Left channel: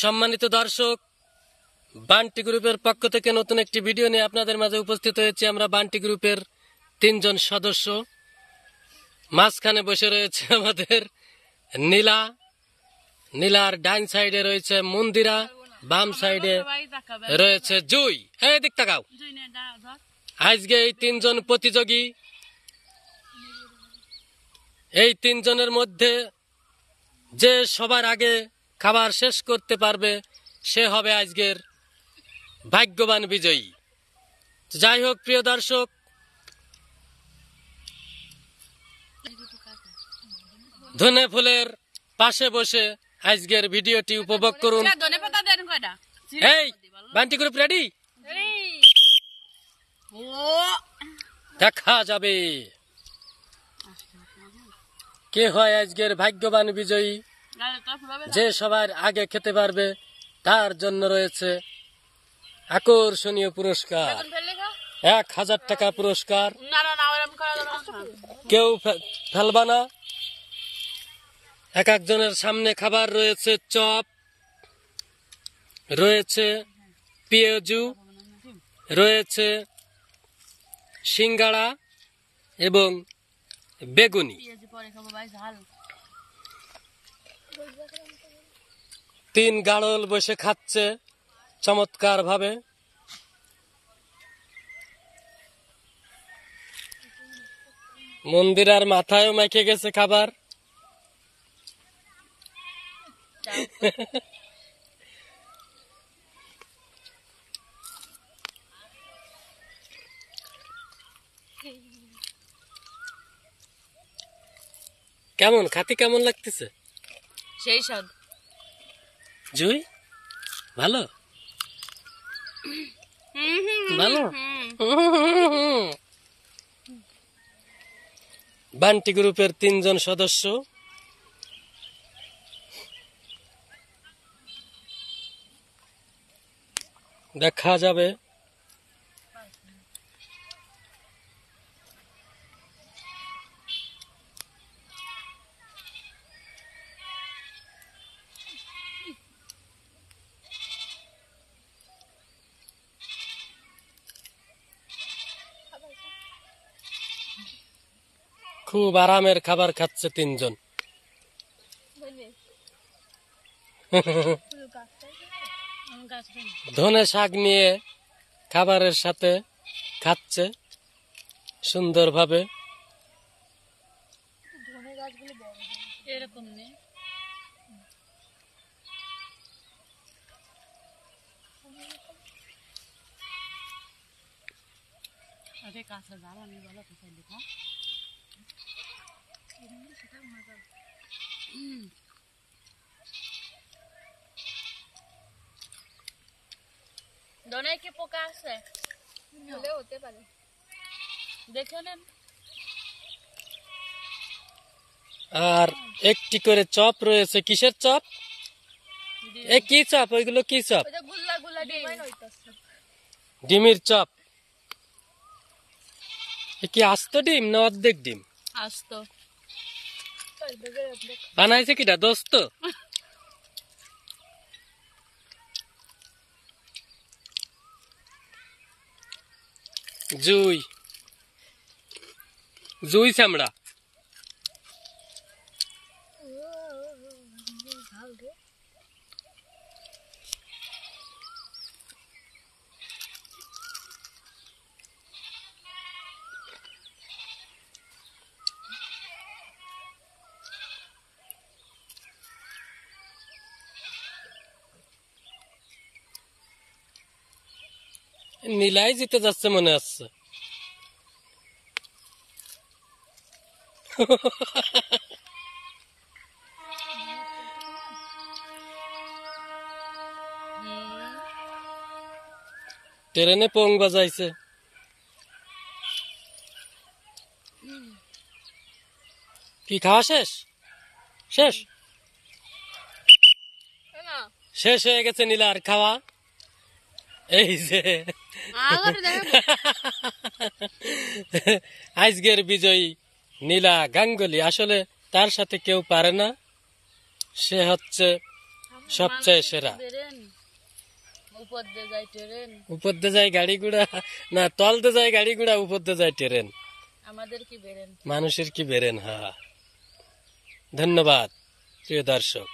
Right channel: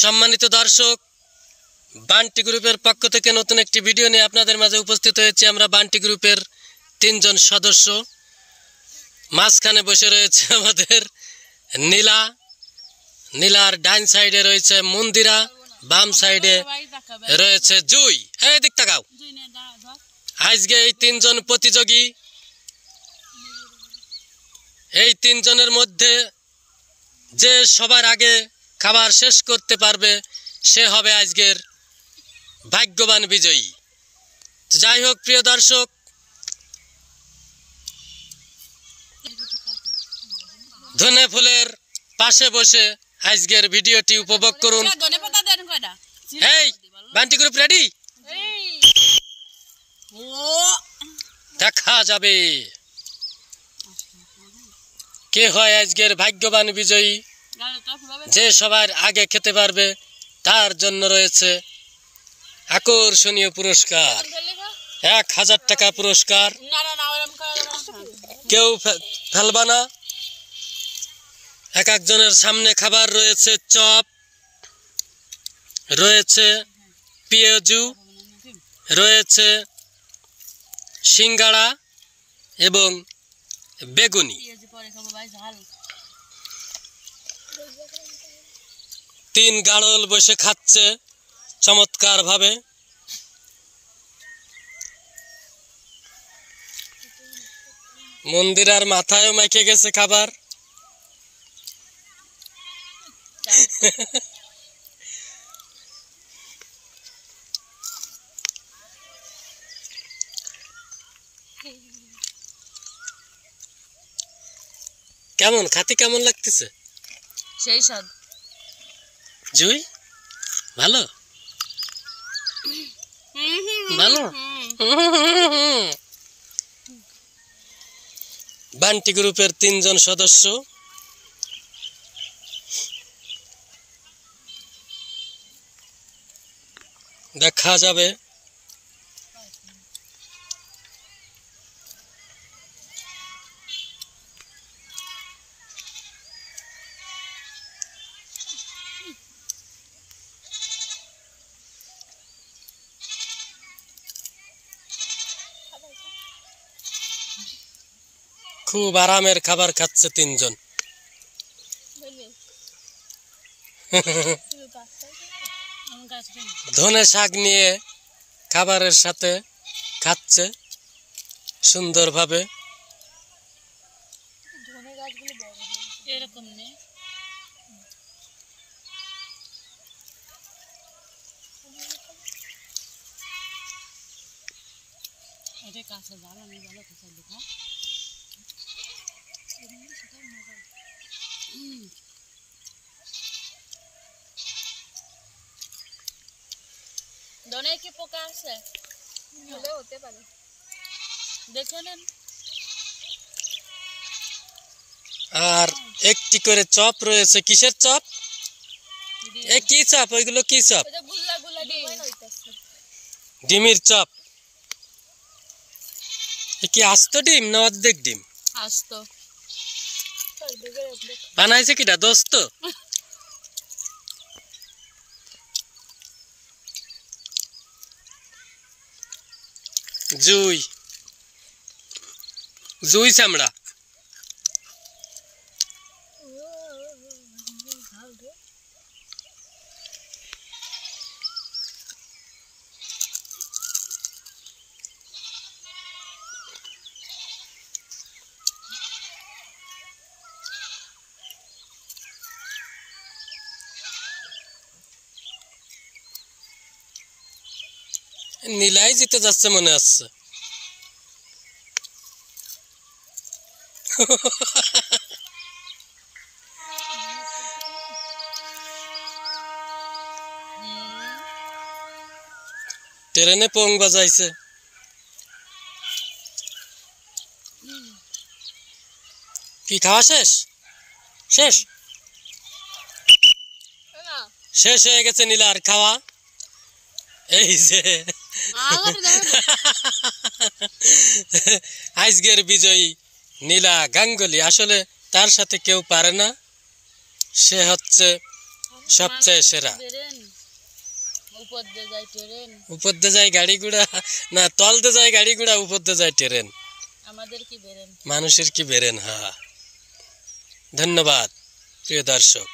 সম্মানিত দর্শক, বান্টি গ্রুপের পক্ষ থেকে নতুন একটি ভিডিও নিয়ে আপনাদের মাঝে উপস্থিত হয়েছি। আমরা বান্টি গ্রুপের 3 জন সদস্য। মাঝখানে বসে রয়েছে আমাদের নীলা, নীলার ডাইন সাইডে রয়েছে মন্দিরা, বাম সাইডে রয়েছে জুই। এই দিক তাকাও। আজকে এই 3 জন প্রতিযোগী, এই 3 জনের মধ্যে যে সবার আগে খাবার শেষ করতে পারবে সে হবে আজকের ভাগ্যবান বিজয়ী। যাই হোক প্রিয় দর্শক, ধনে ফুলের পাশে বসে আজকের ভিডিওটি উপভোগ করুন। এই বান্টি গ্রুপ রেডি? দেখা যাবে কে হয় আজকের ভাগ্যবান বিজয়ী। যে সবার আগে খেতে পারবে তার জন্য রয়েছে আকর্ষণীয় পুরস্কার, 1000 টাকা পুরস্কার। কেউ ফেলবা না। এক একজনের সামনে খাবার রয়েছে চপ, রয়েছে পেঁয়াজু, রয়েছে সিঙ্গাড়া এবং বেগুনি। 3 গাড়ল বসে খাচ্ছে চমৎকার ভাবে। মন্দিরার মাথায়ও মেখে গেছে খাবার। কেমন খাতি, কেমন লাগতেছে? সেই স্বাদ। জুই ভালো ভালো। বান্টি গ্রুপের 3 জন সদস্য। দেখা যাবে খুব আরামের খাবার খাচ্ছে 3 জন। ধনে শাক নিয়ে খাবারের সাথে খাচ্ছে সুন্দরভাবে। এরকম নেই। আরে কাঁচা জাল আমি ভালো তো চাইলে খা। দনে কি পোকা আছে? হলে হতে পারে, দেখে নেন। আর একটি করে চপ রয়েছে। কিসের চপ? কি চপ? ওইগুলো কি চপ? ডিমের চপ। কি আস্ত ডিম না অর্ধেক ডিম? আস্ত। বানাইছে কিটা দোস্ত? জুই, জুই চামড়া। নীলাই জিতে যাচ্ছে মনে হচ্ছে। ট্রেনে পোং বাজাইছে। কি খাওয়া শেষ? শেষ শেষ হয়ে গেছে নীলার খাওয়া। এই যে আজকের বিজয়ী নীলা গাঙ্গুলি। আসলে তার সাথে কেউ পারে না। সে হচ্ছে সবচেয়ে সেরা। উপর দিয়ে যায় ট্রেন, উপর দিয়ে যায় গাড়ি ঘোড়া, না তল দিয়ে যায় গাড়ি ঘোড়া, উপর দিয়ে যায় ট্রেন, আমাদের কি বেরেন, মানুষের কি বেরেন। হ্যাঁ, ধন্যবাদ প্রিয় দর্শক।